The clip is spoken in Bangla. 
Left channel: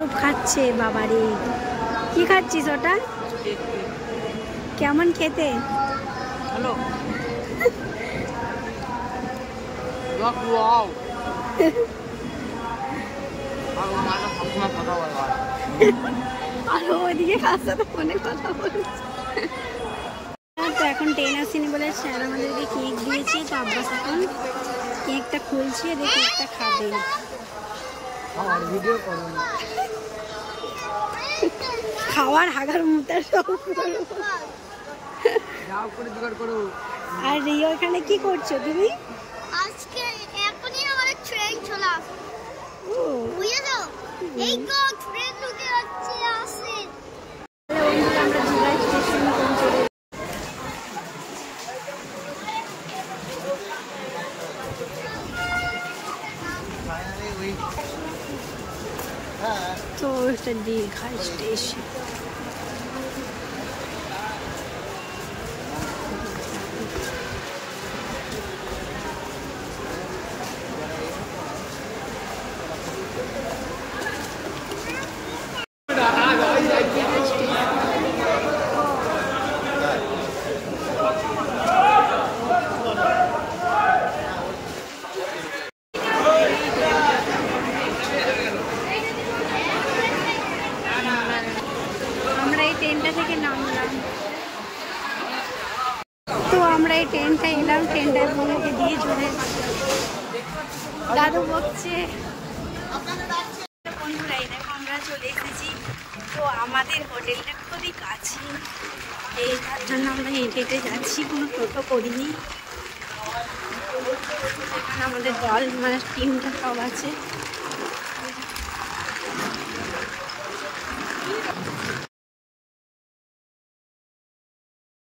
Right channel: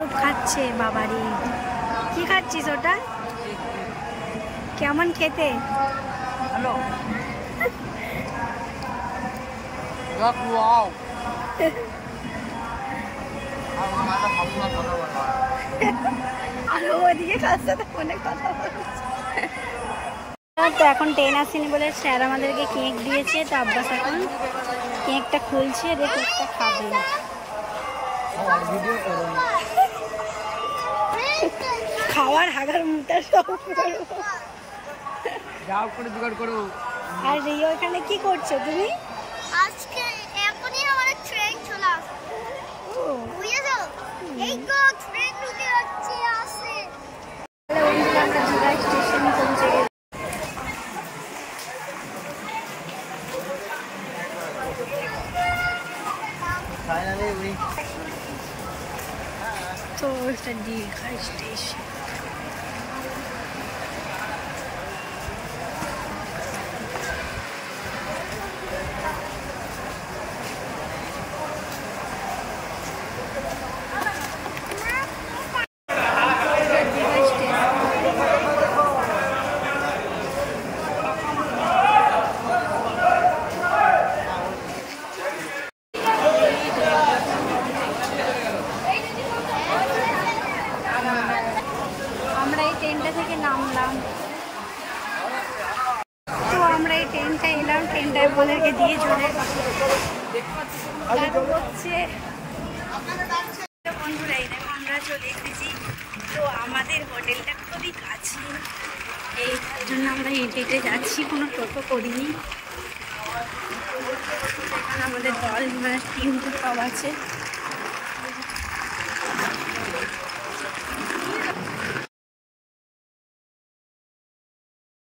খাচ্ছে বাবারে, কি খাচ্ছিস ওটা? কেমন খেতে? হ্যালো ওয়াও আর ওদিকে কার সাথে ফোনে কথা বলছে। তো এখন ট্রেন আসেনি বলে স্যার আমাদেরকে কেক দিয়েছে। তো আব্বাস এখন কেকটা খুলছে, দিয়ে কেকটা খাবে। খাওয়ার হাগার মুটার সব করবো। আর রিও এখানে কি করছো তুমি? আজকে এখনই আমাদের ট্রেন চলে আসছে। ও বুঝেছো? এই তো ট্রেন ঢুকে যাচ্ছে আসে। তাহলে বন্ধুরা আমরা জিরা স্টেশন পৌঁছে গেছি। তো এটা দীঘা স্টেশন। দীঘা স্টেশন। আমরা এই ট্রেনটা থেকে নামলাম। তো আমরা এই ট্রেনটা এলাম, ট্রেনটা আমাদেরকে দিয়ে চলে দাদু বকছে। বন্ধুরা এই দেখো আমরা চলে এসেছি। তো আমাদের হোটেলটা খুবই কাছে, এই তার জন্য আমরা হেঁটে হেঁটে যাচ্ছি, কোনো টোটো করিনি। এখানে আমাদের দল মানে টিমটা সব আছে।